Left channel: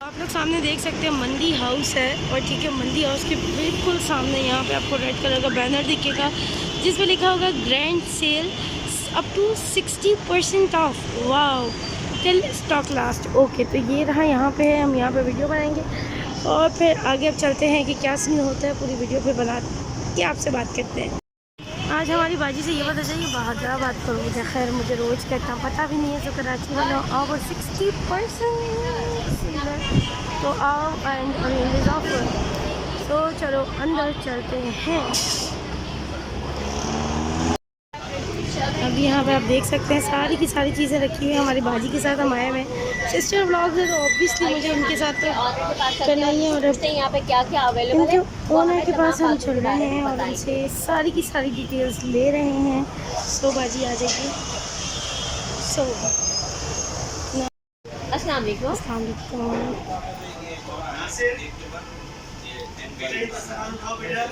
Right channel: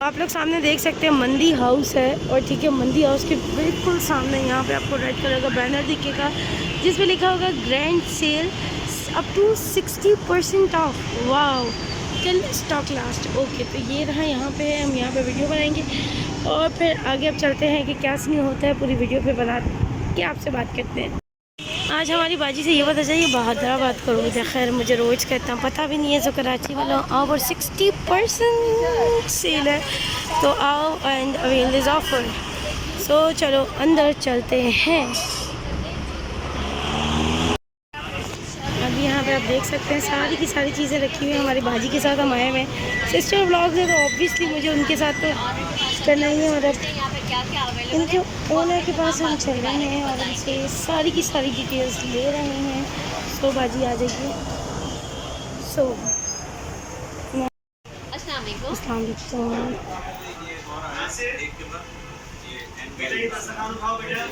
आप लोग सामने देख सकते हैं मंदी हाउस है और ठीक है मंदी हाउस के बिल्कुल सामने यहाँ पे आपको रेड कलर का बैनर दिखेगा जिस पे लिखा होगा grand sale up to 60% off. Wow till stock last. Okay तो ये रहा यहाँ पे है, हम यहाँ पे वीडियो बनाएंगे और फिर आगे अब चलते हैं कि क्या सीन होता है, पूरी वीडियो पे बना के आपसे बात करते हैं। आज हमारी बाजी से ये पता चाहिए बहादुराबाद का रोज़ है। खैर मुझे रोज़ का इतना पता भी नहीं है, तो कराची वाला ओवर 60% सेल है तो आओ एंड अवेल दिस ऑफर। सो चलो अंदर चलते हैं। अभी यहाँ पे आप देख सकते हैं सारी की सारी चीज़ें रखी हुई हैं। हमारी बाजी के साथ हम आए हुए हैं, सिस्टर व्लॉग्स है तो ऑब्वियसली मुझे उनके साथ तो करना ही है। और अब यहाँ पे क्या क्या अवेलेबल इनके ओनर के पास हम चल रहे हैं और उनसे सारी की सारी डिटेल्स ले रहे हैं। सो बाजी आ जाइए। सो अस्सलाम वालेकुम। अस्सलाम वालेकुम।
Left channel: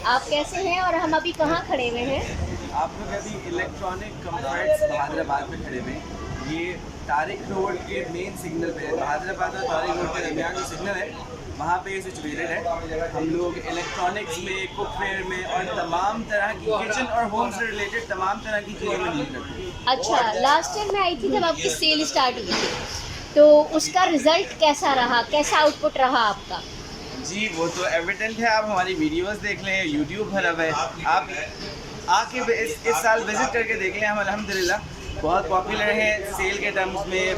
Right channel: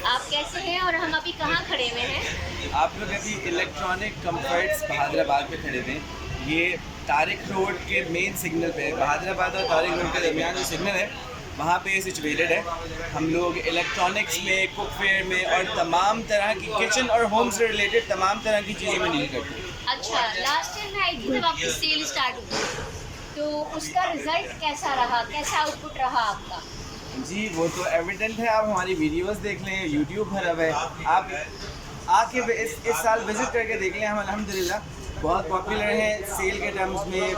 आप कैसे हैं और हम अभी कहाँ खड़े हुए हैं? आप लोग अभी इलेक्ट्रॉनिक कंफर्ट्स बहादुराबाद पे खड़े हुए हैं। ये तारिक रोड के मेन सिग्नल पे है। बहादुराबाद और तारिक रोड के दरमियान जो सिग्नल है वहाँ पे ये सिचुएटेड है। हम लोग इलेक्ट्रॉनिक्स में, कुकवेयर में और तमाम तरह की किचन और होम से रिलेटेड तमाम तरह की चीज़ों में डील करते हैं। अच्छा, लास्ट टाइम मैं आई थी जब आपकी सेल स्टार्ट हुई थी, तो उसका रिजल्ट कैसा रहा, कैसा आउटपुट रहा आपका? जी वो तो एविडेंट है, आप हमारी वीडियोस देख लें, यूट्यूब भरा है, आप आके इस साल विज़िट करके देख लें। हम अल्हम्दुलिल्लाह बहुत पॉपुलर हैं सेल के टर्म्स में,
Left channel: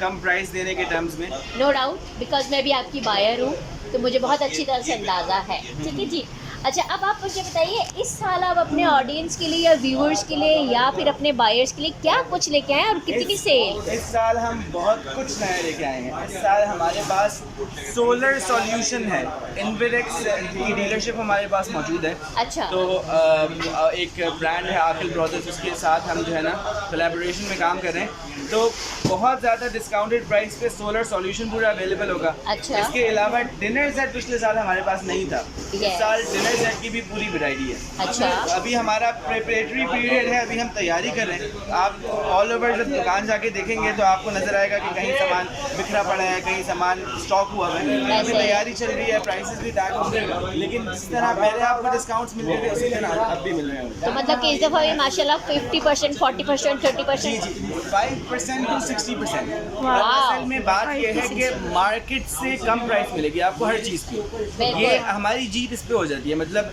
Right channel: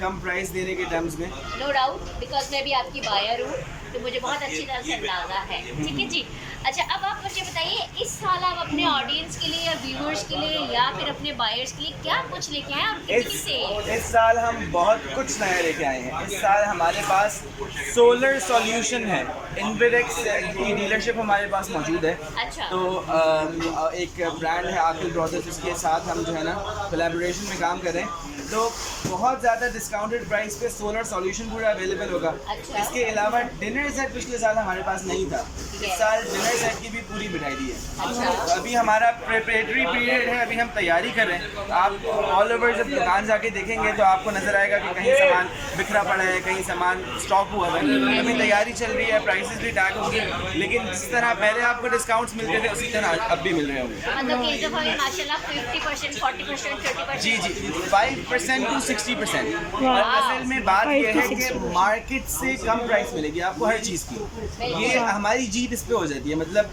कम प्राइस देने के टर्म्स में। नो डाउट, बिकॉज मैं भी आपकी बायर हूँ तो मुझे बहुत अच्छी तरह से अंदाज़ा है। ठीक है जी। अच्छा, अब आप मुझे बताइए इस साल आप अपने ऑडियंस के लिए या व्यूअर्स के लिए या फिर अपने बायर्स के लिए क्या कुछ लेके आए और कितनी सेल? इस साल हम बहुत कुछ नया लेके आए हैं। इस साल हमारे पास सोलर सॉल्यूशन है। इन्वेरेक्स की डीलरशिप हमारे पास मौजूद है। अच्छा। तो एक ब्रांड है आकिल ब्रदर्स, उसके साथ हम जो है ना कोलैबोरेशन में काम कर रहे हैं। तो बहुत ज़्यादा डिस्काउंटेड प्राइस पे सोलर सॉल्यूशन पूरा अवेलेबल होगा। अच्छा। इसके अलावा डिनर सेट पिछले साल हमारे पास नहीं था, इस साल डिनर सेट की भी पूरी वैरायटी है। अच्छा। तो अभी हमारा प्रिपरेटरी पीरियड है, अभी हम तैयारी कर रहे हैं। आप ऑल ओवर जब दुकान जाके देखेंगे तो आपको नजर आएगा कि कहीं सामान बिखरा पड़ा है, कहीं सामान स्टॉक हुआ है। अभी तैयारी चल रही है, प्राइसेस भी टैग होंगे, लेकिन जिस तरह पहले आपको डिस्काउंट्स मिलते थे उसी तरह अब भी मिल रहे होंगे। मतलब कि इस दफ़ा भी माशाल्लाह 50%, 40%, 30%। जी जी, 5% to 60%। और असल में बात यह है कि मार्केट से कम प्राइस मिलेगी आपको हर चीज़ की। ये हमारी जीत इस पे हो जाती है। मतलब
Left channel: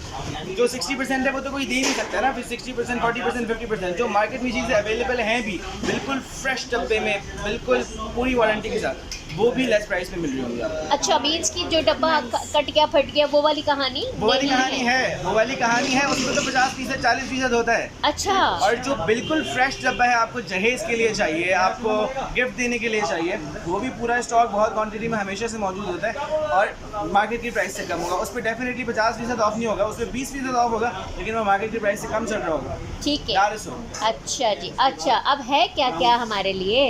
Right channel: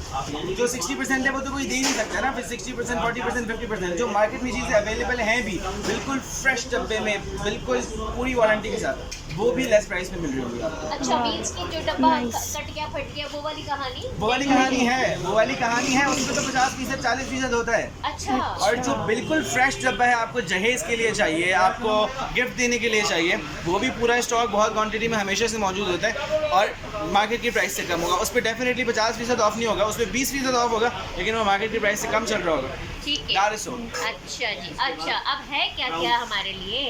जो 60% है वो तो कोई दे नहीं सकता ना, फिर 60%, 40%, 50% जो मार्केट में चीज़ें अवेलेबल हैं भी बिल्कुल फ्रेश डब्बे में, बिल्कुल पूरी वारंटी के साथ, वो भी लेस प्राइस में मिल रही होंगी आपको। अच्छा, बीच की जो डब्बा कट गया, फट गया, वो वाली कहानी? वो वाली कहानी है, वो वाली कहानी है। उसमें तो 50%, 40% होता है। अच्छा। और जो बिल्कुल फ्रेश डब्बा है, आपको जहेज के लिए चाहिए, आपको गिफ्ट देने के लिए चाहिए, वो भी पूरा स्टॉक बहुत क्वांटिटी में हमेशा से मौजूद होता है और मार्केट की प्राइस से कम होगा। उस पर डेफिनेटली 50% ऑफ नहीं होगा, उस पर 20% ऑफ होगा, लेकिन वो मार्केट की प्राइस से कम चल रहा होगा। ठीक है। अच्छा जी। अच्छा, अब है क्या क्या हमारे लिए?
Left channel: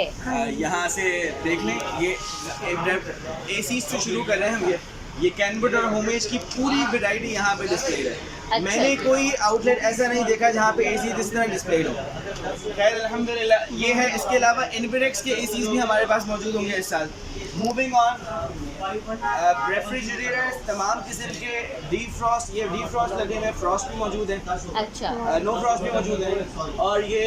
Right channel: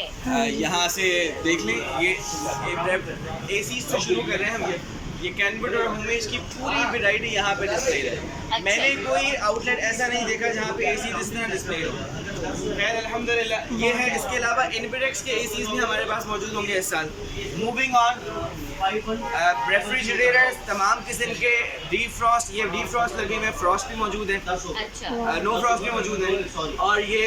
यहाँ से देख लें, ये एसी से शुरू कर रहे हैं हम। ये कैनवुड और होमेज की पूरी वैरायटी यहाँ पे डिस्प्ले है। अच्छा। मैंने कोई आउटलेट ऐसा नहीं देखा जहाँ पे एसी जिस तरह डिस्प्ले हो। खैर अल्हम्दुलिल्लाह ये है। इसके अलावा इन्वेरेक्स के एसीज भी हमारे पास मौजूद होंगे इस साल। मूविंग ऑन, रेफ्रिजरेटर्स तमाम किस्म के, डीफ्रॉस्ट, ये डीफ्रॉस्ट लगे हुए, फ्रॉस्ट भी मौजूद है। अच्छा। नो फ्रॉस्ट भी मौजूद है। और ये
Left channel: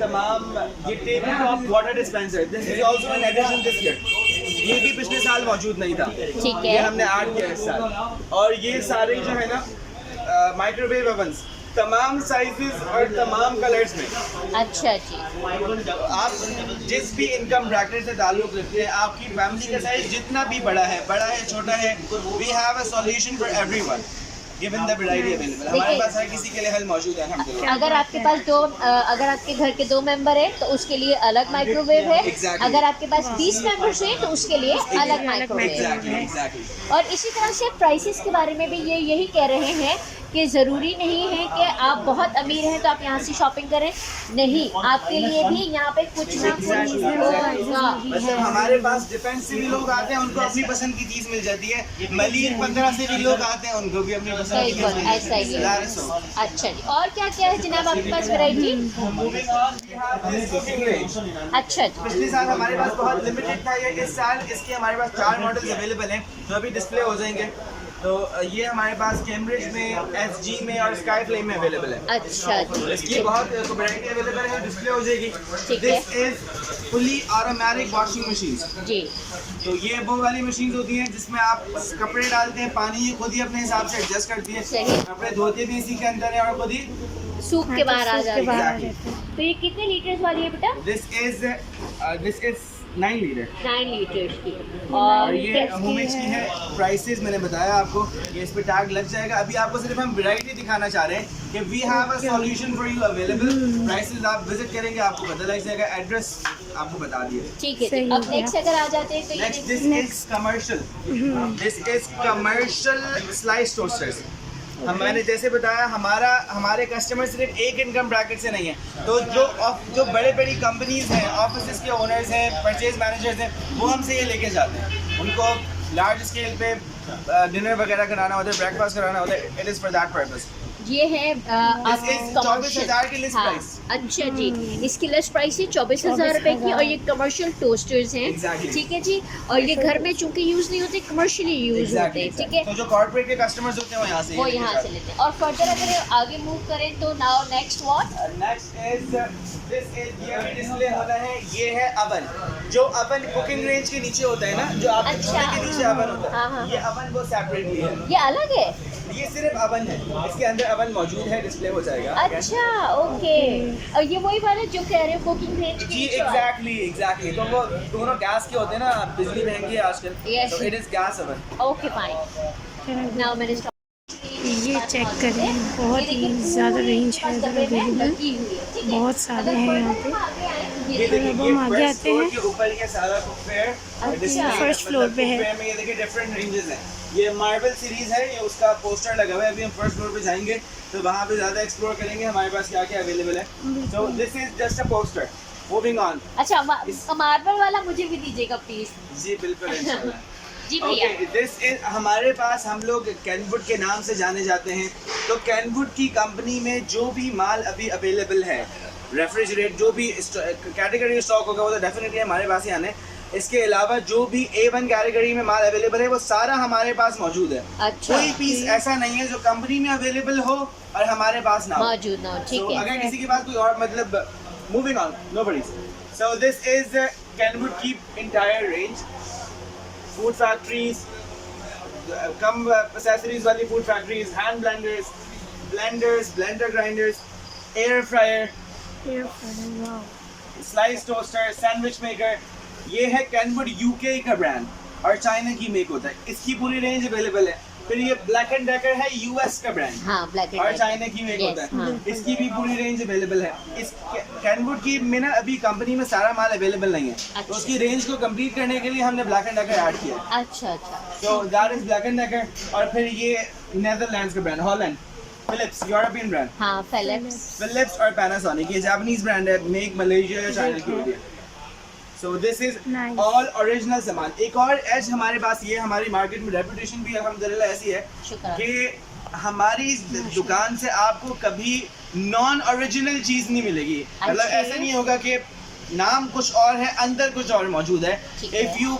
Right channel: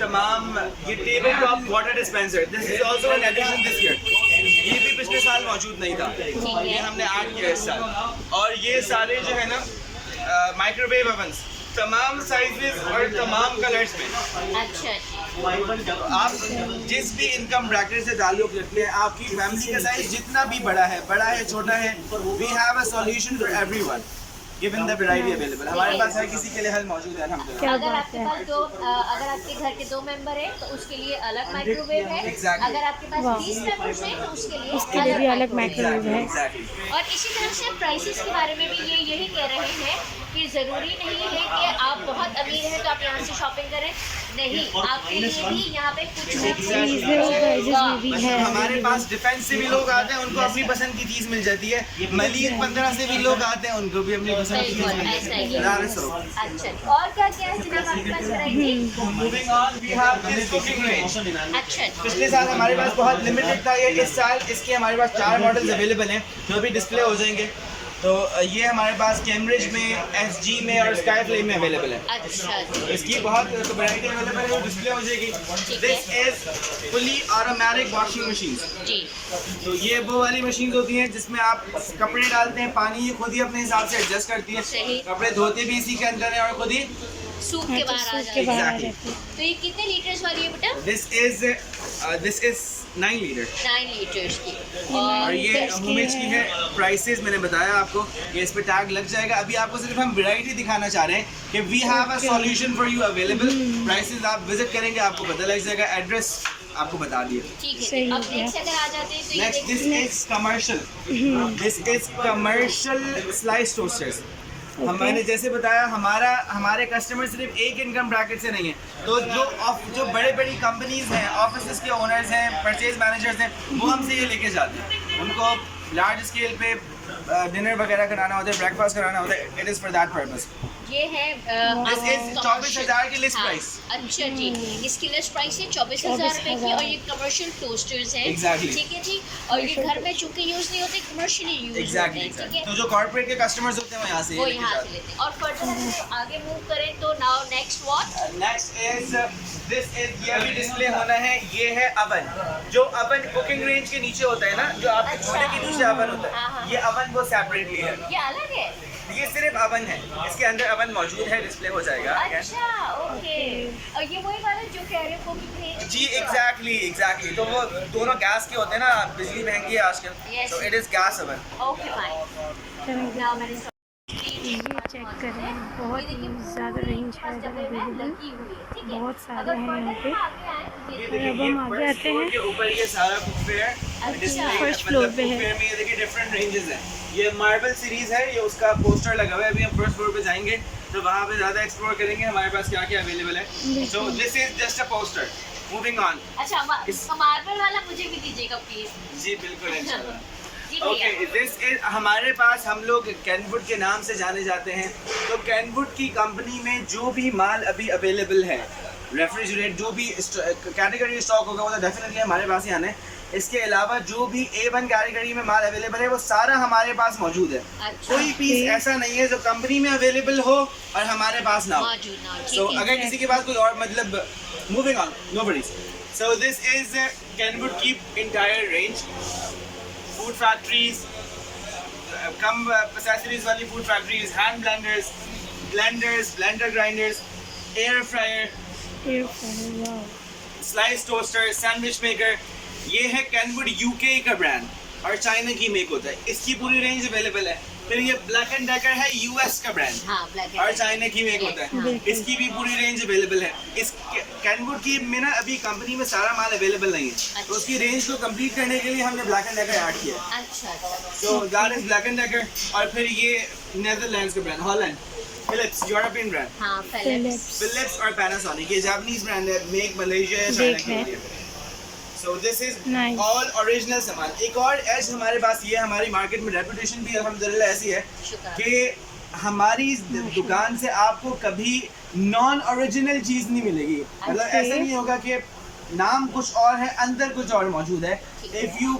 तमाम ये table top water dispenser, this is also an addition this year. ये भी पिछले साल मौजूद नहीं था, ये हमने ऐड किया इस साल। और ये सारे जो है ना माइक्रोवेव ओवंस तमाम साइजेस और तमाम कलर्स में। अच्छा जी। आप जिस भी इनकम ब्रैकेट से ताल्लुक रखते हैं, आपकी फैमिली का साइज जितना भी बड़ा है छोटा है, we have a solution for everyone given the variety available. हमारे पास हर किसी के लिए हल मौजूद है अल्हम्दुलिल्लाह। अगर आपके पास अगर आपके घर के 2 मेंबर हैं तो उसके लिए अलग माइक्रोवेव है। Exactly. अगर आपके पास 20 मेंबर्स हैं तो उसके लिए अलग माइक्रोवेव है। Exactly. और इसी तरह से प्राइसेस के बारे में भी ये यही कह रहे हैं कि ज़रूरी नहीं है कि आप बहुत अमीर हैं तो आप यहाँ से शॉपिंग करें, नहीं, आपके लिए भी यहाँ पे कुछ ना कुछ होगा। मतलब हमारे पास डिफेंस से भी लोग आते हैं, उनको अपनी पसंद की चीज़ मिल जाती है। मलिक 15 से भी लोग आते हैं, उनको भी अपनी पसंद की चीज़ मिल ऐसा ही जाती है। है। अच्छा जी, और क्या क्या है जनाब आपके पास variety? Moving on, we have this cooking range. अच्छा जी, पिछले साल हमारे पास बहुत लिमिटेड था, ये इस साल इसके हमारे पास 4 मॉडल्स अवेलेबल हैं जो अभी डिस्प्ले हो जाएंगे। तो ये हमारे पास कैम्ब्रिज में, एसजी में और स्काई फ्लेम में अवेलेबल है। अच्छा जी, इसकी बहुत वैरायटी अवेलेबल है, डिस्प्ले हो जाएगी। ठीक है। This is fully automatic washing machine. जी, तो ये वो वाली मशीन होती हैं जिसमें आप कपड़े डालते हैं, पानी ये खुद ही अपने हिसाब से एडजस्ट करती है। सही। कपड़े धोते भी इसी के अंदर है और खुद ही। सूख के बाहर आ के जाए। बाहर आ Exactly. जाते हैं। तो ये कितने लीटर्स वाली है बेटा? दिस इज 9 लीटर 9 लीटर्स की। और और ये लीटर्स की होमेज की है। है। प्राइसेस मैंने बताया आपको, ये इस पे टैग लग जाएगा। अभी आपको सिर्फ हम वैरायटी दिखाना चाह रहे हैं कि we have a solution for you available. Prices आप विजिट करेंगे, आपको पता लग जाएगा। एड्रेस आपको बता दिया। ठीक है, सही अब हो गया। नेक्स्ट अगर आ जाते हैं तो ये नेक्स्ट देखिए। This is commercial. This is commercial slice toasters. मैंने जैसे बताया, हमारे कस्टमर सिर्फ एक इनकम ब्रैकेट से नहीं है। तो जो बड़े बड़ी कंपनीज हैं, ऑफिस के ओनर्स हैं, परचेज मैनेजर्स हैं, वो हमसे ये लेके जाते हैं। उनको लार्ज स्केल पे डिनर वगैरह कराना होता है, ब्रेकफास्ट कराना होता है। It is for that purpose. ये है This is 24,000 की लिस्ट प्राइस। अच्छा जी, इसकी लिस्ट प्राइस है 24,000 रुपए की और ये कमर्शियल टोस्टर्स हैं। Exactly. ठीक है जी, और ये घर में चूंकि यूज नहीं होते, कमर्शियली यूज होते एग्जैक्टली हैं। ठीक है, तो जो कॉर्पोरेट के कस्टमर्स होते हैं वो यहाँ से वो ये लेके यहाँ जाते से हैं। लेते हैं। और फर्दर अगर आगे मूव करें तो now next what? Next is this is, ये अभी डिस्प्ले होना है। ये है अवन, जो अवन कुकिंग रेंज के नीचे होता है ना, जो आप अच्छा। छोटे के नीचे अवन होता हाँ, हाँ। है, ये अवन वो सेपरेटली है। ये अलग है? ये सिर्फ अवन है, इसके अंदर अवन मौजूद है, डिस्प्ले हो जाएगा। अच्छा, ओके। और ये वही वाला जो कह रहे हो कुकिंग रेंज? जी एग्जैक्टली। तो वो दोनों गैस के होते हैं ना, बिजली महंगी है आजकल, Yes. तो it is gas oven. Okay fine. Now मैंने ये चेक करें, बहुत ही ज़्यादा रेंज है इधर अवेलेबल, बहुत सारे हैं यहाँ पे। ये और अब हम आगे फर्स्ट आते फ्लोर हैं। के ऊपर ये सारा कुकवेयर डिस्प्ले फर्स्ट फ्लोर पे है। कुकवेयर में ये देखिए डिफरेंट रेंजेस हैं। ये मार्बल सीरीज है, ये उसका पोस्टर लगा हुआ है। अभी हम फर्स्ट फ्लोर पे जाएंगे तो वहाँ पे ज़्यादा एक्सप्लोर करेंगे हमारे पास क्या क्या अवेलेबल है। So this is just a poster. Moving on. अच्छा, मार्बल वाला मुझे भी दीजिएगा प्लीज। जी बिल्कुल इंशाल्लाह। जी भैया। ओके, दिस इज हमारे पास, हम लोग कैनवुड के नाम से जाने जाते हैं। तो कैनवुड की कंपनी में जो भी माल अभी अवेलेबल है, रेफ्रिजरेट जो भी कैटेगरी स्टॉक होगा वो तो डेफिनेटली हमारे पास ही आना है। इसके अलावा जो भी A1 कैटेगरी में माल अवेलेबल है वो सारा हमारे पास मौजूद है। अच्छा, कोई पीस ऐसा नहीं है जो कंपनी में अवेलेबल हो और हमारे पास ना हो। मौजूद ना हो, So, ठीक है। अगर किसी के पास कोई और मतलब, moving on, no worries. So this is Kenwood की इंटायर रेंज। फूड फैक्ट्रीज, कम एक्सेसरीज वाली food factories, hand blenders, blender grinders, air fryer, air fryer, wow. Slice toaster, sandwich maker. ये है कैनवुड यूके का ब्रांड और China की make होता है। इसकी पूरी रेंज अवेलेबल है। फिर ये ब्लैक एंड डेकर है, यूएस का ब्रांड हाँ, ब्लैक और चाइना की मेक होता है। बिल्कुल। इसकी भी पूरी रेंज अवेलेबल है। इस कैनवुड की में ना अभी कंपनी में सारा माल अवेलेबल नहीं है, अच्छा। तो उसकी रेंज को कंप्लीट करने के लिए हमने ब्लैक एंड डेकर ऐड किया है। अच्छा अच्छा, so that is Black and Decker. और फिर ये नेदरलैंड्स का brand, Holland, Philips, European brand. हाँ, फिलिप्स। फिलिप्स और पैनासोनिक, ये जापानीज ब्रांड है, मेक मलेशिया या चाइना की होती है। So this is Nice. All original सामान। एक और एज हमारे पास ये, हमारी मार्केट में रेपुटेशन भी अल्हम्दुलिल्लाह ऐसी है शुक्र। कि हमारी दुकान से आपको कभी नॉन ओरिजिनल चीज़ नहीं मिलेगी। मतलब अच्छा। ऐसा नहीं होगा कि नाम कुछ और है, अंदर कुछ और मौजूद है। ठीक है। If you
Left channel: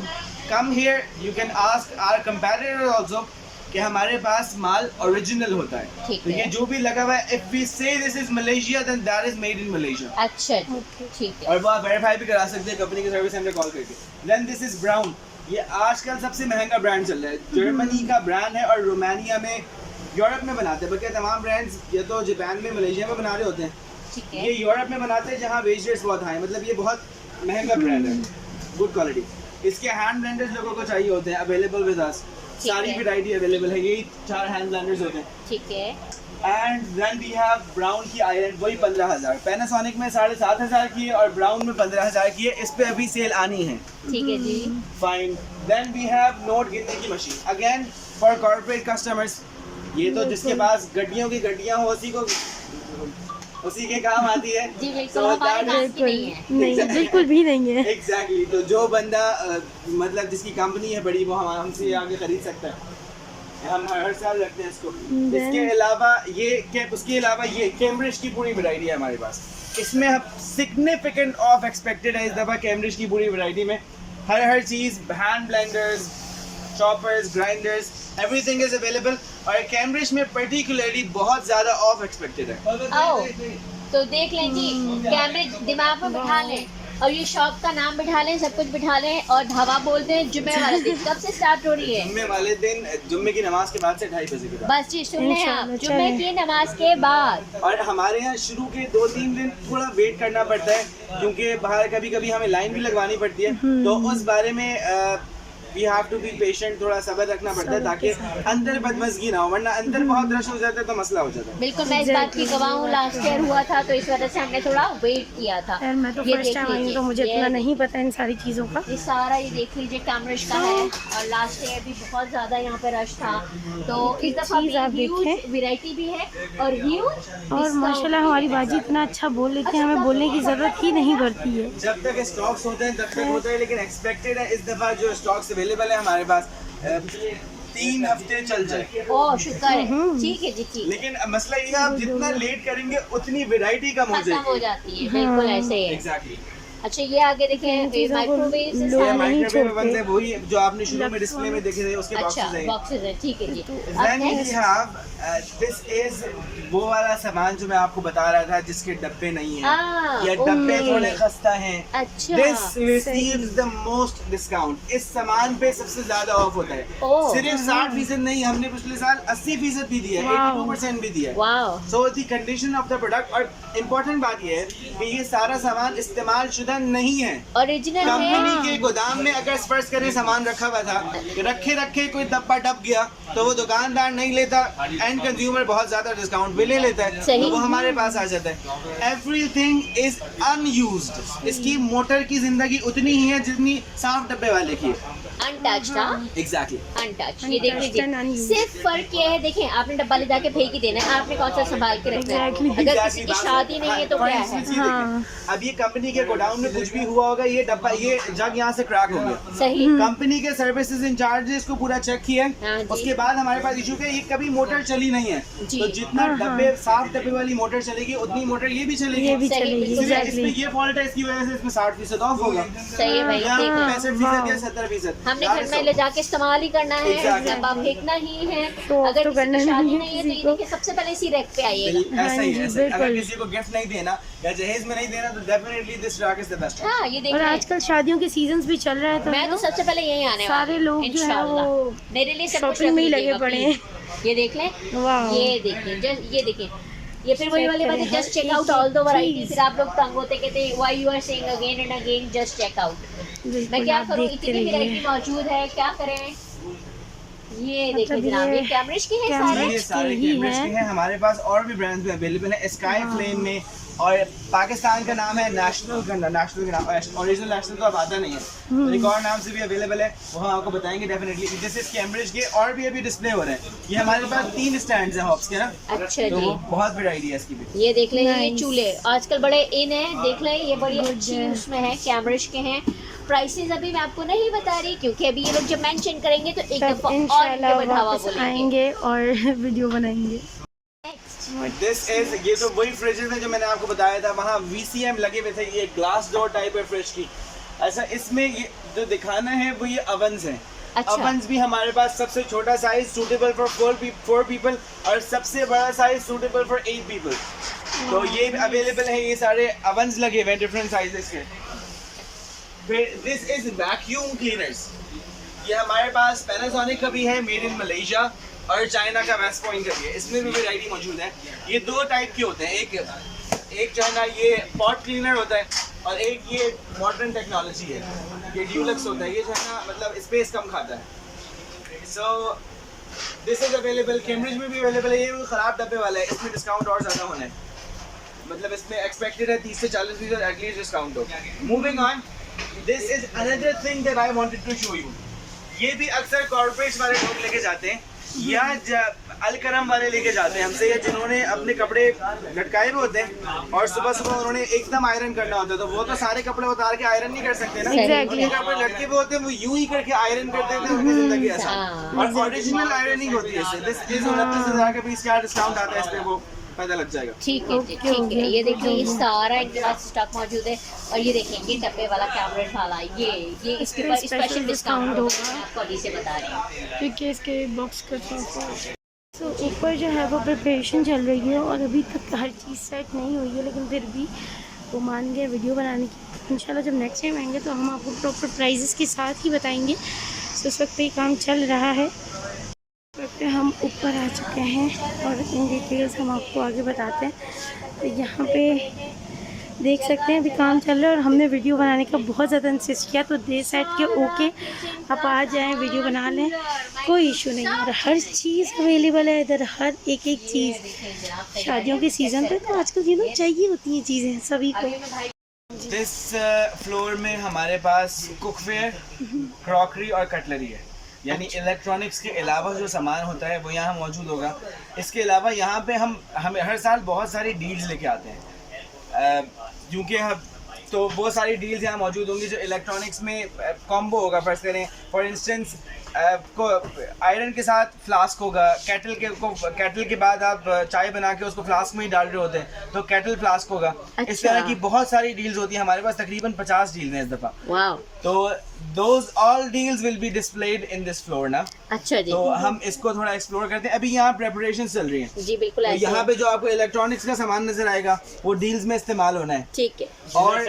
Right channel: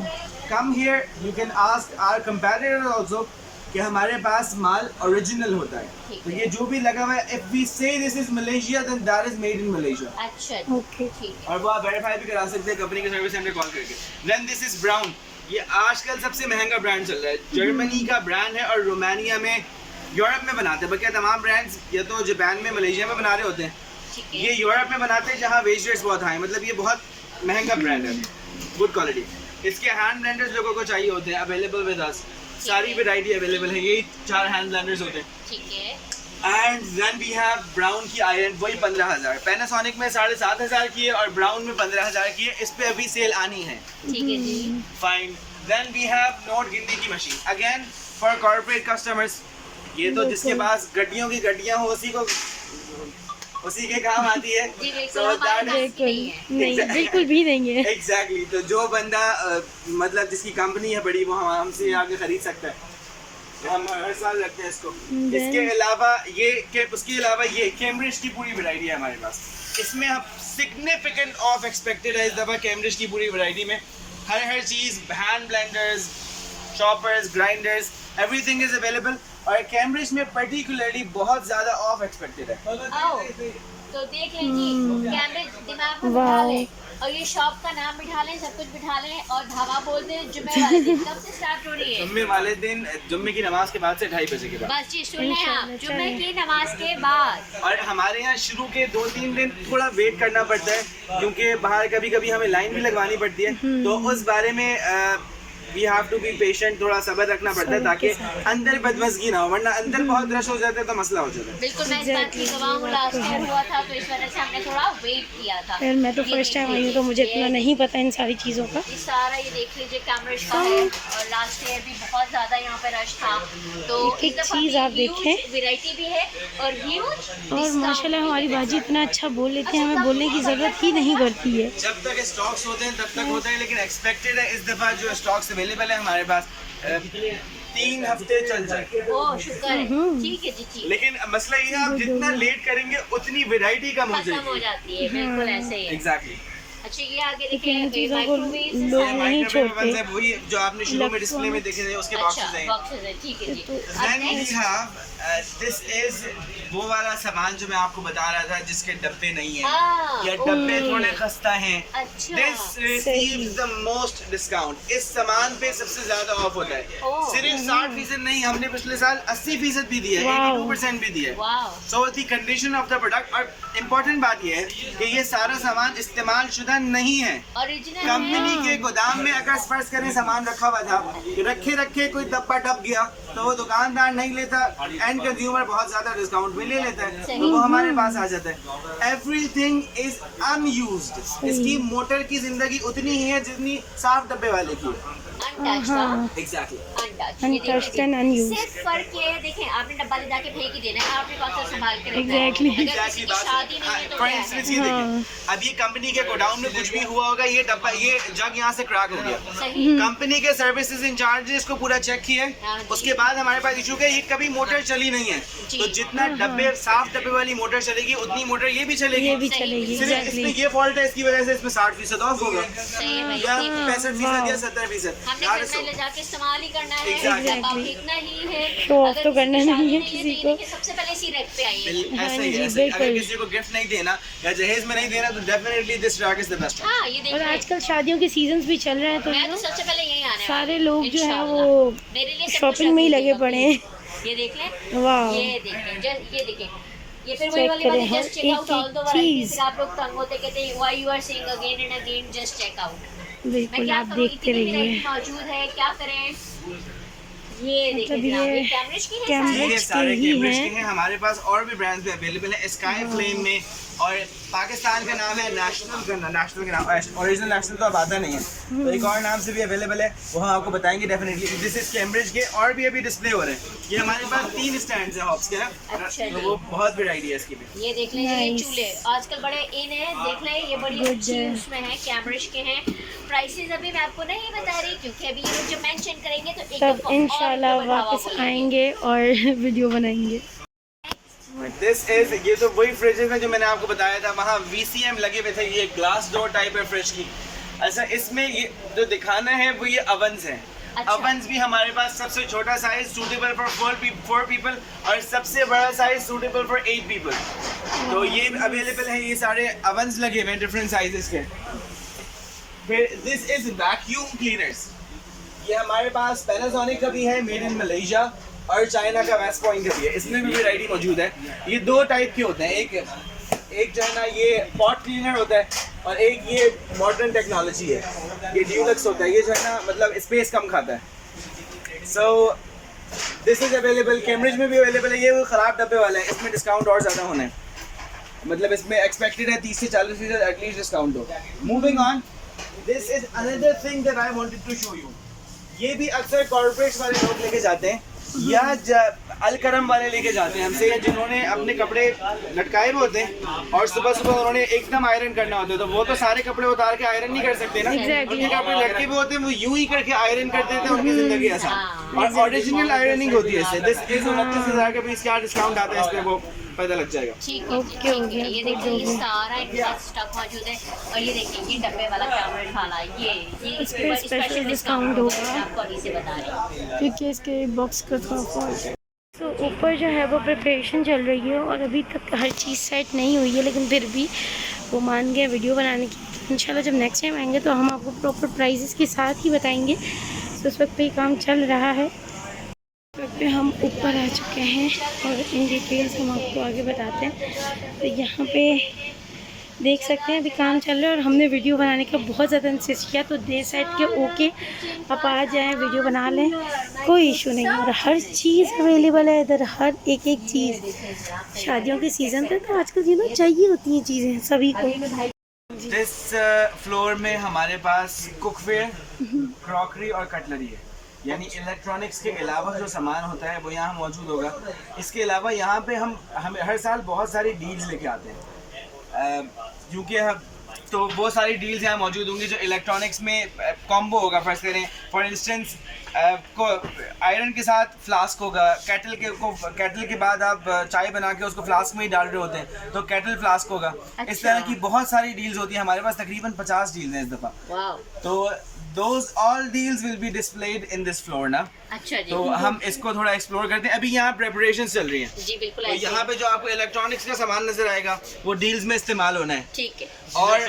come here you can ask our competitor also कि हमारे पास माल ओरिजिनल होता है। ठीक तो है। ये जो भी लगा हुआ है, if we say this is Malaysia then that is made in Malaysia. अच्छा, ओके। ठीक है। और वो आप वेरीफाई भी करा सकते हैं कंपनी के सर्विस सेंटर कॉल करके। देन दिस इज ब्राउन, ये आजकल सबसे महंगा ब्रांड चल रहा है। जर्मनी का ब्रांड है और रोमानिया में, यूरोप में बनाते हैं। बल्कि तमाम ब्रांड्स या तो जापान में, मलेशिया में बना रहे होते हैं। ठीक ये है। यूरोप में बनाते हैं जहाँ वेज रेट्स बहुत हाई, मतलब ये बहुत महंगा ब्रांड है, गुड क्वालिटी। इसके हैंड ब्लेंडर्स लोगों को चाहिए होते हैं, अवेलेबल विद अस। ठीक सारी है। वैरायटी अवेलेबल है, यही 4 हैंड ब्लेंडर्स होते हैं। ठीक है। And then we have Braun की आयरन, वही 15,000। पैनासोनिक में 7,500 की है और ब्राउन में 15,000 की है। इस पे अभी सेल आनी है। ठीक है जी। Fine. Then we have note गिनने की machine, again for corporate customers. ये तो जिसके पास गड्डियों की गड्डियाँ हो उसी के काम आती है। जी बिल्कुल, So हमारे that पास की नहीं है। नहीं बिल्कुल भी नहीं है। एग्जैक्टली तो जो बंदा मतलब जिसकी कंपनी है बड़ी वो हमसे आगे खरीद सकता है। हम हर साल रखते हैं इसको। इसके अलावा उसके अलावा ये कैम्ब्रिज की पूरी वैरायटी है हमारे पास। इसमें हम सिग्निफिकेंट ऑफ एक्सपेक्टेड है इस दफ़ा कैम्ब्रिज की पूरी वैरायटी में। हर चीज़, hand blenders, choppers, grinders, everything is available. और कैम्ब्रिज में पर्टिकुलरली बहुत ज़्यादा ऑफ एक्सपेक्टेड है। तो देख लें जी, कैम्ब्रिज दिमाग में बिठा लें और ये शॉप का नाम बिठा लें, सब कुछ बिठा लें और हवा बोलते हैं जुम्मे वाले दिन। कब से स्टार्ट हो रही है? जुम्मे वाले दिन, जुम्मे की नमाज के बाद से 2:30 बजे के बाद। बस जी सुन लें आप, जुम्मे की नमाज के बाद। और हमारे यहाँ शुरू के 2-3 दिन थोड़ा वेट करना पड़ता है क्योंकि बाहर कभी कभी हमें लाइन भी लगवानी पड़ती है। तो उस बारे में we have to be patient, थोड़ा सब्र रखना पड़ता है ताकि अंदर बदमज़गी ना हो, वरना अंदर बहुत रश हो जाता है तो मसला हो जाता है। बिल्कुल, मैं इस बात की गवाह हूँ। लास्ट ईयर हुआ था तो इस वजह से हमने थोड़ा वेट किया था। यार मैं तो फर्स्ट टाइम आई हूँ तो मुझे इतना नहीं पता इन सारी चीज़ों का। ये सारा ये देख लीजिए कैम्ब्रिज का है और लास्ट ईयर भी बहुत ज़्यादा यहाँ पे रश था। तो एक चीज़ आप देखें, वैरायटी भी है और ह्यूज। और माशाल्लाह हमारी बाजी इतना अच्छा बोल लेते हैं, हमें बोलने की ज़रूरत ही नहीं पड़ती है। जब तक स्टॉक्स होते हैं तब तक होता है, लेकिन एक्सपेक्टेड है इस दफ़ा जो स्टॉक्स अवेलेबल है हमारे पास 3 हफ्ते चल जाए। ओह शुक्र है, ठीक है जी ठीक। लेकिन मसला ये है आप जितना लेट करेंगे उतनी वैरायटी कम हो खत्म हो जाएगी। जाती है, बिल्कुल ऐसे ही। एग्जैक्टली। अच्छा ये आगे देखें, चीज़ों को माइक्रोवेव लोग नहीं छोड़ते। वही जो आपने शुरू में डिस्प्ले में देखे थे उसके अच्छा बॉक्सेस हैं। बॉक्सेस है, ठीक है जी। Then we have this is वो वाला सामान जो मैं आपको बता रहा था जिसके डब्बे नहीं हैं। ये डब्बे थोड़े खस्ता हैं। अच्छा This receives the most discount। इस सामान पे सबसे ज्यादा ऑफ होता है। सिर्फ 60% नहीं, हमने पिछले साल 80% भी दिया है, 82% भी दिया है। Wow. So the condition of the product। और इम्पोर्टेंट बात ये है कि ये सारा सामान इस्तेमाल शुदा नहीं है, ओरिजिनल कंपनी है। के गोदाम में अगर फर्ज करें सामान रखा हुआ था, रखे कोई डब्बा टप गया तो वो दुकानदार नहीं लेता, एंड कंज्यूमर बहुत ज्यादा डिस्काउंट भी ले लेता है, तो वो हमारे पास आ जाता है। Everything is unused. इसकी मोटर की जिंदगी उतनी ही है जितनी साफ डब्बे वाले की। अनटच्ड हाँ। Exactly untouched. ये देखिए सिर्फ फर्क ये है, देखें आपने डब्बा ले जाके फेंक ही देना है, आपने कौन सा संभाल के रखना है। अगर किसी की शादी नहीं है तो क्या है? अब ये कंपनी के गोडाउन में कुछ भी हुआ होगा, ये डब्बा, ये जग यहाँ से क्रैक हो गया, सही। कंपनी के सर्विसेज इंचार्जेस को पूरा चेक किया है, उसके बाद हमारे पास इशू है ये कभी मोटर चली नहीं है, तो जितना डब्बे साफ डब्बे वाली मोटर चलेगी उतनी मोटर ये भी चलेगी। सिर्फ इसमें ये फॉल्ट है, इसकी वजह से इसमें 60% ऑफ होगा, सही भाई। 65% या 70%। हमने घर में ले जाके इस्तेमाल ही करना है, डब्बा फेंकना ही है। शो ऑफ तो करना नहीं है किसी को। सबसे पहले इसी रैक पे आइए। ऐसा ही है, अगर किसी को गिफ्ट नहीं देना या जहेज में नहीं देना तो definitely this rack is the best. हाँ ये देखिए, और आजकल शादियों के सीजन्स भी चल रहे हैं तो मैं तो सबसे पहले यही आने सारे लोग जो है वो मेरे लिए शॉपिंग में ही लगे पड़े हैं। ये देख लें, वाह ये देखें, ये देखें, ये फिर वही वाली बात, just check out all the variety. फिर आप लोग तंग होते कहते why you are saying again and again just check out. मैं बिल्कुल क्या आप करूं, देखते इतनी रहिए। वैरायटी मौजूद है, क्या करें। ये देखिए मतलब जनाब, ये ये कैम्ब्रिज की है कैम्ब्रिज ये के सारे ही कैम्ब्रिज हैं। के हैं। हमारे पास और भी ब्रांड्स भी अवेलेबल है, स्काई फ्लेम में, और पाकिस्तान का नाम है नेशनल के नाम, ओरिजिनल नेशनल तो अब आता नहीं है, तो एक और नाम से भी अवेलेबल है, वो हम आपको बताएंगे डेफिनेटली। दिस इज कैम्ब्रिज के, और भी अभी डिस्प्ले हो रहे हैं। ये हमारे पास 3 स्टैंड्स हैं हॉप्स के ना, अच्छा तो जी। वो बहुत वैरायटी है इसकी भी। ये देख लें, ये Nice. चूल्हे आजकल बड़े इन है, देख लें ये बड़ी Good अच्छी है। उसमें है, कैम्ब्रिज के हैं। प्राइसेस अभी मैं आपको नहीं बता रही क्योंकि अभी ये लोग जब मेंशन करेंगे तो एक तब दफा इंशाल्लाह और वापस आएंगे और वीडियो बनाएंगे। दिस इज, ये तो वही फ्रिजेज है जो मैंने आपको बताया था, वहाँ VCM लगे हुए थे, ये ग्लास डोर टाइप है फ्रिज की। अच्छा इसमें ये जो दिखाना है वो ये अवन्स हैं। अच्छा। अवन्स भी हमारे पास सबसे छोटा साइज सूटेबल फॉर 4 पीपल और सबसे बड़ा साइज सूटेबल फॉर 8 पीपल, तो ये अवेलेबल है। ये सारे अवन्स लगे हुए हैं डिफरेंट साइजेस के। फिर दिस इज वैक्यूम क्लीनर्स, ये हमारे पास पैनासोनिक का भी है, मेड इन मलेशिया, और चाइना का वेस्ट पॉइंट का भी है, इसमें भी वैरायटी मौजूद है। ये 2 टाइप के होते हैं, एक जो है ना ये पॉट क्लीनर होता है, और एक ये मॉडर्न टेक्नोलॉजी है, ये ड्यूलक्स होता है, ये जो है ना मतलब स्पेस कम खाता है। So this is available, Cambridge में भी अवेलेबल है। ये वो ख़राब डब्बे वाला है, इसमें डिस्काउंट और ज़्यादा होना है, मतलब इसमें एक्सपेक्टेड है 30 से 40% एटलीस्ट डिस्काउंट हो। Moving on, this is another thing that I wanted to show you. ये भी अक्सर कॉर्पोरेट्स वाले लोग लेके जाते हैं, या अलकरम वाले लेके जाते हैं हमसे, या जिन्होंने अपने कपड़े लटकाए हुए होते हैं और सुबह सुबह उन्होंने एकदम आयरन करना होता है, तो वो तो सारे कपड़े उतार के आयरन नहीं कर सकते ना। Exactly. उनके कपड़े लटके हुए होते हैं, वो यूं ही करके आयरन कर देते हैं, उनकी जिंदगी आसान। और ओरिजिनल आयरनिंग होती है इससे। दिस इज 29,000 का पीस, क्या डिस्काउंट आता है इसमें वो पता लग जाएगा। ठीक है जी, ठीक है। ये देखिए ये सारा इनके पास स्टॉक मौजूद है। और ये देखिए ये डब्बे वाला कैमरा वाला ये इस पे स्पेशल डिस्काउंट होगा। आपको अभी से बता रहे हैं क्योंकि इसके बॉक्स का थोड़ा फॉल्ट है। तो ऊपर जो है वो प्रिपरेशन चल रही है और अभी तक हर चीज़ सेट नहीं हुई है, लेकिन फिर भी वो मान गए वीडियो बनाने की। इंशाल्लाह जब नेक्स्ट टाइम आएंगे तो हम आपको प्रॉपर प्राइजेस के साथ ही बताएंगे। तो उस वक्त पे ही काम चल रहा है। इस वक्त पे हम ऊपर आ चुके हैं और इन डिटेल्स हम आपको आगे बताते हैं। तो यहाँ पे देख सकते हैं अभी काम चल रहा है और हमने वीडियो बनाने का बहुत ज़्यादा इंसिस्ट किया, तो दे सेट के ओके आप आ जाएं, वीडियो बना लें, कोई इशू नहीं। और हर चीज़ अवेलेबल है इधर, हर एक चीज़। शादियों के सीज़न पे तो आजकल ये ना चाहिए होती हैं चीज़ें सभी को। दिस फ्लोर में हमारे पास कुकवेयर, क्रॉकरी और कटलरी है, यानी इलेक्ट्रॉनिक्स के अलावा जो सामान होता है वो यहाँ मौजूद होगा। इसके अलावा यहाँ पे हम हर साल बहुत सारी डील्स लेके आते हैं, क्योंकि तो वो सारी डील्स यहाँ मौजूद होंगी जो इलेक्ट्रॉनिक्स में कॉम्बो होगा। फर्स्ट करें फॉर इंस्टेंस को आयरन के साथ फ्लास्क होगा, केटल के बाद आप चाय बना के उसको फ्लास्क में ही डाल रहे होते हैं तो केटल फ्लास्क होगा। अच्छा। इस तरह की बहुत सारी डील्स होती है हमारे पास, तकरीबन 50 डील्स हैं इस दफ़ा। वाओ। तो those all deals will be displayed in this floor ना। अच्छा जी। तो हम इसको थोड़ा एक्सप्लोर करते हैं। अभी यहाँ प्रेपरेशन चल रही हैं जी बिल्कुल तो ऐसे यहाँ पे जो आपको इलेक्ट्रॉनिक्स का सामान नजर आएगा वो डील्स में इस्तेमाल होना है। ठीक है। और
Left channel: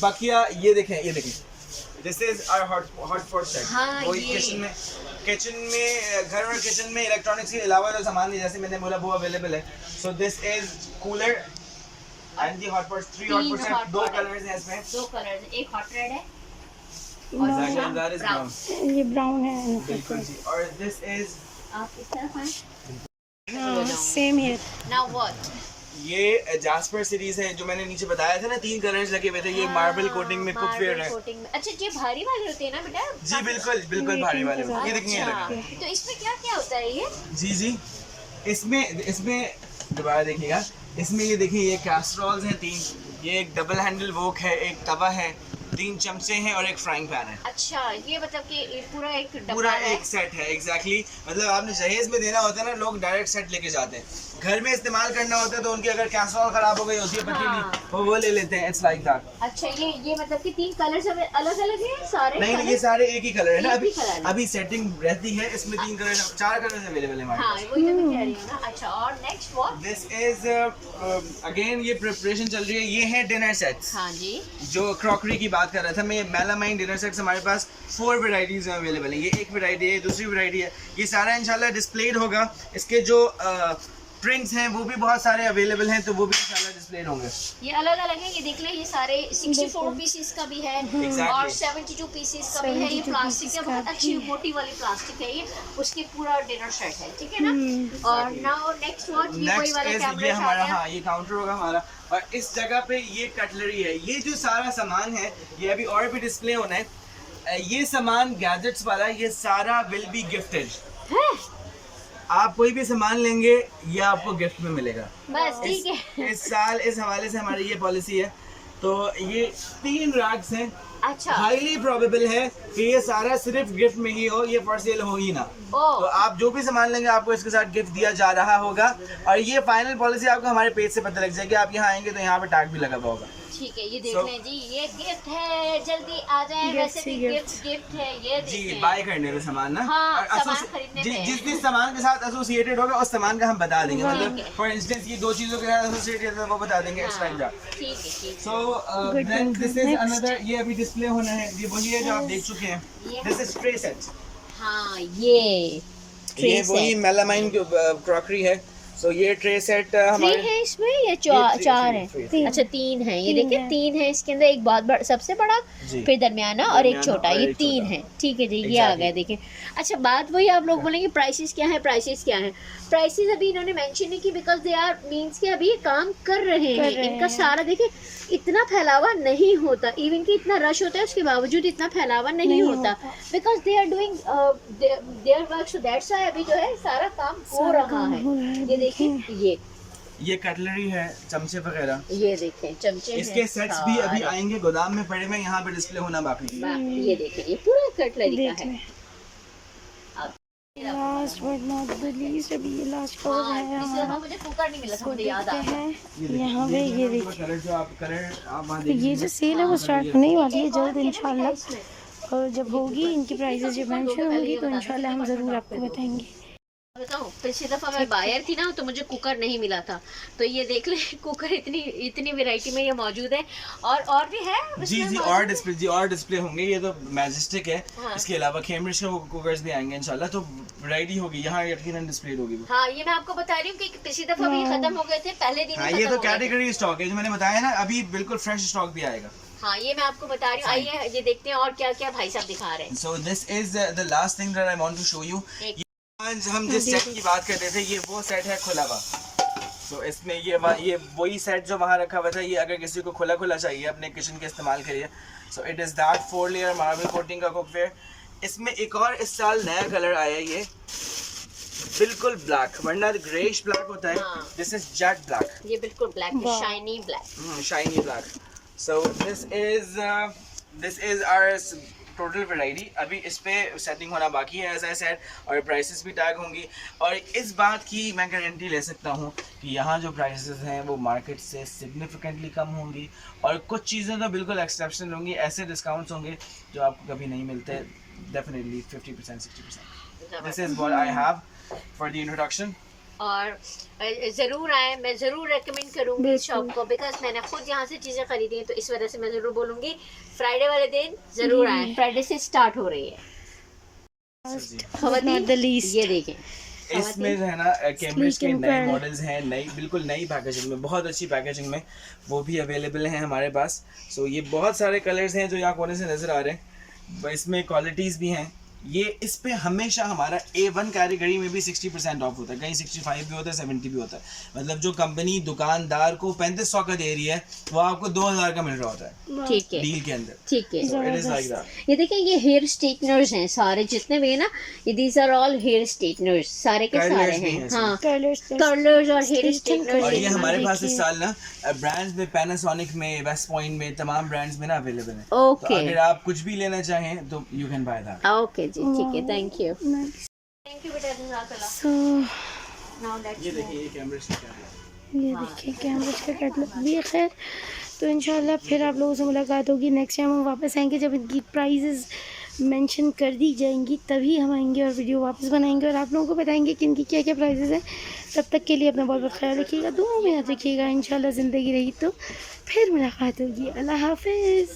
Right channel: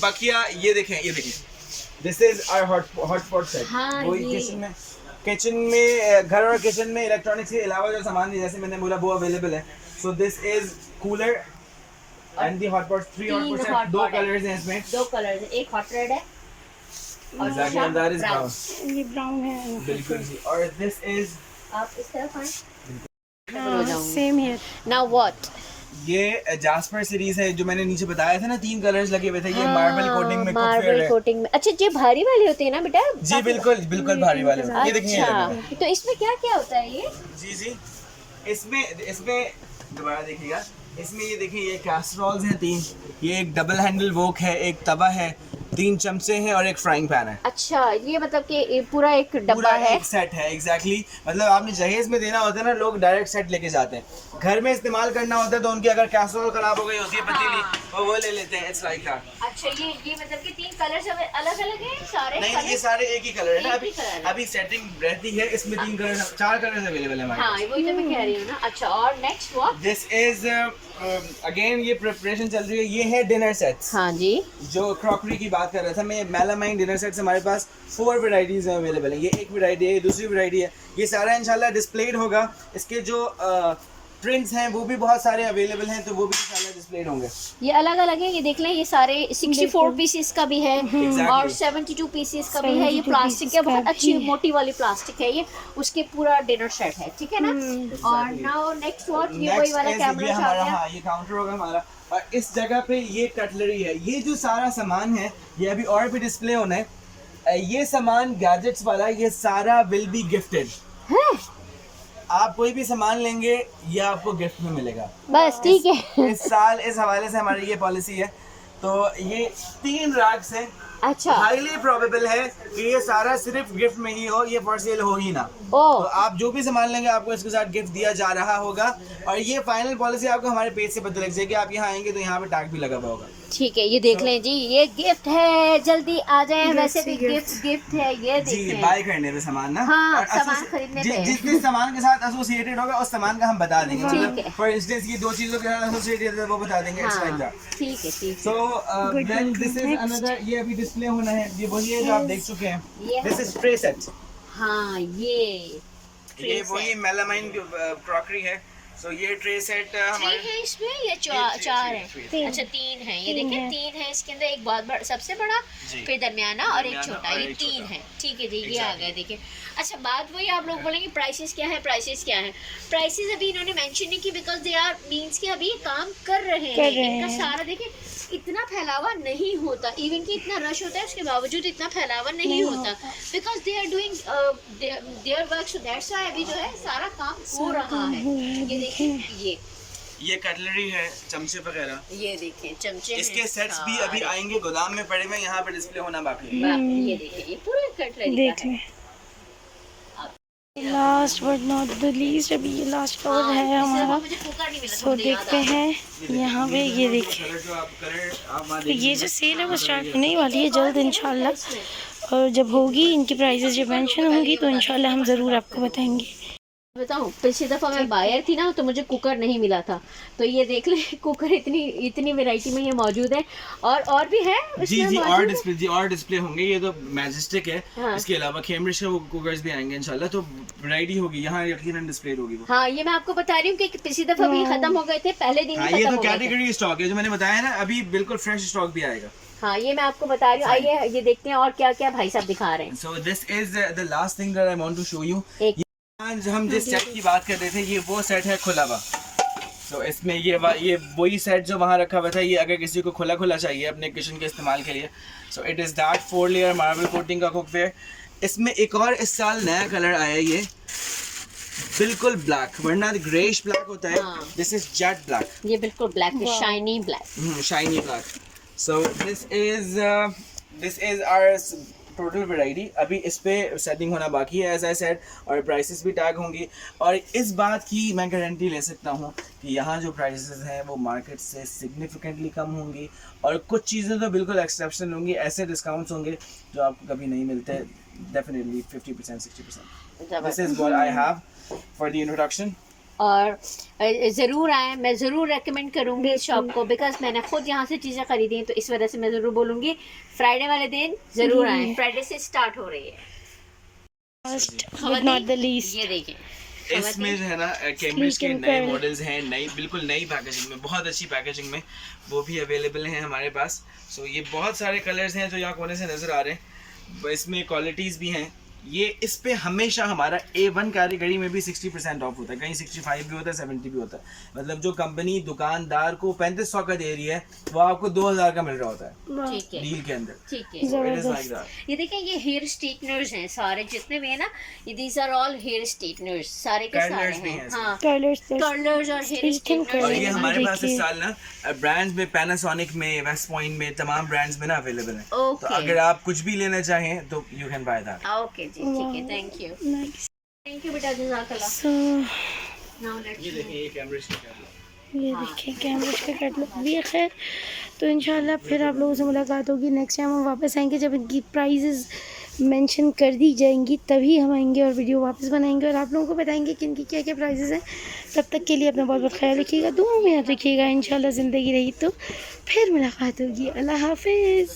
बाकिया ये देखें this is our hotpot set. हाँ, वो ये। किचन में घर और किचन में इलेक्ट्रॉनिक्स के अलावा जो सामान है जैसे मैंने बोला वो अवेलेबल है। So this is cooler and the hotpot, 3 hotpot set, 2 colours हैं इसमें। 2 कलर्स, एक हॉट रेड है Exactly, and that is brown. brown. ये ब्राउन है। बिल्कुल जी। और दिस इज आप इस तरफ आए। हाँ सेम हियर। Now what? ये जास्पर सीरीज है जो मैंने नीचे बताया था ना, 3 कलर्स लगे हुए थे। ये मार्बल कोटिंग में कुकवेयर है। कोटिंग में। अच्छा ये भारी वाली होती है ना बेटा? जी बिल्कुल भारी वाले ये देखिए ये लगे। अच्छा, तो इसमें क्या क्या होता है ये? जी इसमें दोबारा देखिएगा, इसमें ये देखिए ये कैसरोल्स हैं 3, ये एक डबल हैंडल वोक है, एक तवा है, 3 चमचे हैं और एक फ्राइंग पैन है। अच्छा ये मतलब कि पूरा एक डब्बा पूरा है। एक सेट है। एग्जैक्टली मतलब आपने जहेज में देना होता है ना, लोग डायरेक्ट सेट लेके जाते हैं। घर में इस्तेमाल करना होता है तो उनकी अगर कैसरोल खराब हो गई होती है पतीली वो ले लेते हैं। It's like that. अच्छा ये मतलब कि 3 कलर्स अलग अलग हैं सारे? नहीं ये सारे एक ही कलर है ना। एक ही कलर है। अभी सेटिंग रहती है इसमें 4 कलर अवेलेबल है हमारे हाँ पास। वही तो मैं कह रही हूँ ना। अच्छा और next what? This is again ये प्रिपरेशन चल रही है। ये है डिनर सेट्स। हाँ जी। जो क्रॉकरी की बात कर रहा था मैं, मेलामाइन डिनर सेट्स हमारे पास 4 वैरायटीज में अवेलेबल है। ये एक वैरायटी है, दूसरी वैरायटी है। ये सारा इंशाल्लाह डिस्प्लेड होगा। इसके जो प्रिंट्स हैं वो भी बहुत सारे अवेलेबल हैं तो वो भी इंशाल्लाह डिस्प्लेड होंगे। ये अलग अलग है, ये देख लें। ये सारे 64 पीसेस का भी है और 72 पीसेस का भी है। ये प्लास्टिक है, बहुत अच्छी मोटी वाली प्लास्टिक है ये। उसके पूरा डिनर सेट है, ठीक है ना। और नाउ नेक्स्ट व्हाट? ये वही वाला कैमरा ये हमारा, हाँ ये काउंटर होगा हमारा। और इस जगह पे ये कटलरी है। ये जो सारा सामान है ये अभी और भी डिस्प्ले होना है। ये सामान गैजेट्स वाला, ये सारा विल बी गिफ्टेड। आप कोई भी सामान लेंगे ये आपको गिफ्ट में मिलेगा। बस ठीक है। इस साल इस हवाले से हमारी ये पॉलिसी है। तो ये 3 रैक्स हैं। अच्छा। हाईली प्रोबेबल है कि ये सारा सिर्फ गिफ्ट में ही हो, ये फॉर सेल हो ही ना। तो आप जो भी सामान लेंगे आपको इसके साथ गिफ्ट दिया जा रहा होगा। और ये फाइनल पॉलिसी आपको हमारे पेज से पता लग जाएगी। आप यहाँ आएंगे तो यहाँ पे टैग भी लगा हुआ होगा। ठीक है ये देख लें जी, ये गिफ्ट है, जल्दी आ जाए। वैसे भी गिफ्ट है ये जी देखें। बाय करने पे सामान ना। हाँ, और सामान खरीदने पे। जिस जिस सामान के साथ एसोसिएटेड होगा उस सामान का हम बता देंगे। ठीक मतलब है। फॉर इंस्टेंस ये 2 चीजों के साथ एसोसिएटेड है वो बता देंगे। It's like that. ठीक है ठीक है। So then this is another, ये अभी डिस्प्ले होना है। ये वही है जो आप देख चुके हैं। This is tray set. हाँ ये वही मेलामाइन की क्रॉकरी है। सो ये ट्रे सेट 3 हमारे है इसमें या 4 है? three. अच्छा 3 है। ये देखिए 3 है इसके अंदर। एक बहुत बड़ा, सबसे बड़ा जी। फिर दरमियाना और एक दरमियाना छोटा, और ये एक 3 छोटा। है। ठीक है जी, ये आ Exactly. गए देखिए। अच्छा, बात वही आप लोग बोलेंगे प्राइसेस क्या है, प्राइसेस क्या है। प्राइसेस अभी इन्होंने मेंशन नहीं की बिकॉज दे आर मींस कि अभी ये काम कर रहे हैं। इनका सारा देखिए इतना फैलावा नहीं होता, इवन कि इतना रश होता है उसके बावजूद इतना फैलावा नहीं होता because they are doing their work, so that's why अभी जो है सारा काम हो रहा है। ये देखिए, ये कटलरी है, चमचे वगैरह, ये देखें चमचे हैं इसके सेट्स भी अभी सारे। आएंगे, गोदाम में पड़े हुए, यहाँ पे डिस्प्ले होना बाकी है। ये देखिए, ये पूरा कटलरी देख का है। लें। Last but not the least, अभी ये लास्ट कवर हाँ, है इससे हमारा। मुझे कुकर नहीं मिला था, सो मुझे याद देखते आ गया। हैं यहाँ पे, ये देखिए। कलर जो आप वहाँ तो ये जो सेल है वो स्टार्ट होने ही वाली है जल्द इंशाल्लाह, और जब होगी इनकी प्राइसेस जब मेंशन होंगी तो इंशाल्लाह हम ज़रूर आपको बताएंगे। बताऊं, पिछली दफा मैं बायर थी ना तो मुझे कुकर नहीं मिला था, तो ये देख ले कुकर इतनी वैरायटी में ये मौजूद है और भी है जी उसमें जी मौजूद और डिस्प्ले होंगे। ये तो मैजेस्टिक है, हाँ। इसके अलावा कैम्ब्रिज के कुकर्स भी आएंगे इंशाल्लाह, तो वैरायटी होगी यहाँ, यकीनन डिस्प्ले होगी वो। हाँ, ये मैं आपको बता रही हूँ कि पिछली दफा भी खत्म हो गए थे, पहले दिन हाँ, ही ये खत्म तो हो गए थे। कैटेगरी स्टॉक है जो मैंने बताया ना, अभी बिल्कुल फ्रेश स्टॉक भी आएगा। हाँ, ये मैं आपको बता रही हूँ। आइए ये देखते हैं और क्या क्या भाई साहब दिखा रहे हैं। So this is the last thing that I want to show you. एक आज हम जिस सेट की बात कर रहे थे, ये वो सेट है खुला हुआ। तो इसमें ये वही सेट जो वहाँ रखा हुआ था, ये अगर किसी को खुला खुला चाहिए अपने किचन के इस्तेमाल के लिए, so it is that 4 layer marble coating का कुकवेयर। इसमें एक और इस साल नया कलर आया है, ये बिल्कुल ब्लैक, वरना ग्रेइश ब्लैक होता है, हाँ। दिस इज जेट ब्लैक, ये बिल्कुल black, shiny black. Shiny black. So this is our total variety. अभी इस पे सेटिंग होना बाकी है एज आई सेड, और प्राइसेस भी टैग होंगी। और इस बात की मैं गारंटी ले सकता हूँ कि यहाँ जो प्राइसेस हैं वो मार्केट से सिग्निफिकेंटली कम होंगी, और कुछ चीज़ें तो बिल्कुल एक्सेप्शनल होंगी, ऐसे डिस्काउंट्स होंगे जो आपको कभी नहीं मिलते, definitely 50% 60%। This is what I have for the introduction. और ज़रूर आए, मैं ज़रूर रेकमेंड करूँगी इस शॉप को बिकॉज मैंने खुद यहाँ से चीज़ें खरीदी हैं, तो इस वजह से मैं ज़रूर बोलूँगी फ्राइडे वाले दिन ज़रूर आए। फ्राइडे से स्टार्ट हो रही है। Last but not the least, ये देखें, इसमें जो है ना कैमरेज के नए मॉडल्स हैं, नई बिल्कुल नई पैकेजिंग में, बहुत अच्छी पैकेजिंग में, वो भी अवेलेबल हैं हमारे पास। सो ये बहुत सारे कलर्स हैं जो यहाँ कोने से नज़र आ रहे हैं, इसमें क्वालिटीज़ भी हैं। ये इस पे हमेशा हमारा A1 कैटेगरी में भी 60% ऑफ होता है, कहीं 65 भी होता है, 70 भी होता है। मतलब जो कंपनी दुकानदार को 3500 का दे रही है, वो आपको 2000 का मिल रहा होता है ठीक है, डील के अंदर। ठीक है। It is like that. ये देखिए, ये हेयर स्ट्रेटनर्स हैं सारे जितने भी है ना, ये these are all hair straighteners, सारे के सारे Curlers भी हैं। हैं हाँ, कलर्स कर्लर्स और हेयर स्ट्रेटनर्स। और ये हमारे पास देखिए। इस साल ना ब्रांड्स में पैनासोनिक में, वेस्ट पॉइंट में, तमाम ब्रांड्स में ना अवेलेबल है। ओके। तो अगर आप कुछ भी लेना चाहें तो you can buy that. Okay जी, ठीक है, thank you, nice. Thank you बेटा, जज़ाकल्लाह। सो नाउ लेट्स ये देखिए, ये कैमरेज का ये देखिए कैमरेज का कैटलॉग भी है। खैर, तो इंशाल्लाह फिर आप लोगों से मुलाकात होगी नेक्स्ट टाइम हम वापस आएंगे, जब इनकी प्राइजेस मेंशन कर दी जाएंगी तभी हम आएंगे और वीडियो वापस बनाएंगे और आप लोगों को बताएंगे कि इनकी क्या क्या प्राइजेस हैं। तब तक के लिए अपना बहुत बहुत ख्याल रखिएगा, दुआ में याद रखिएगा। इंशाल्लाह ज़िंदगी रही तो फिर मुलाकात होगी। अल्लाह हाफिज़।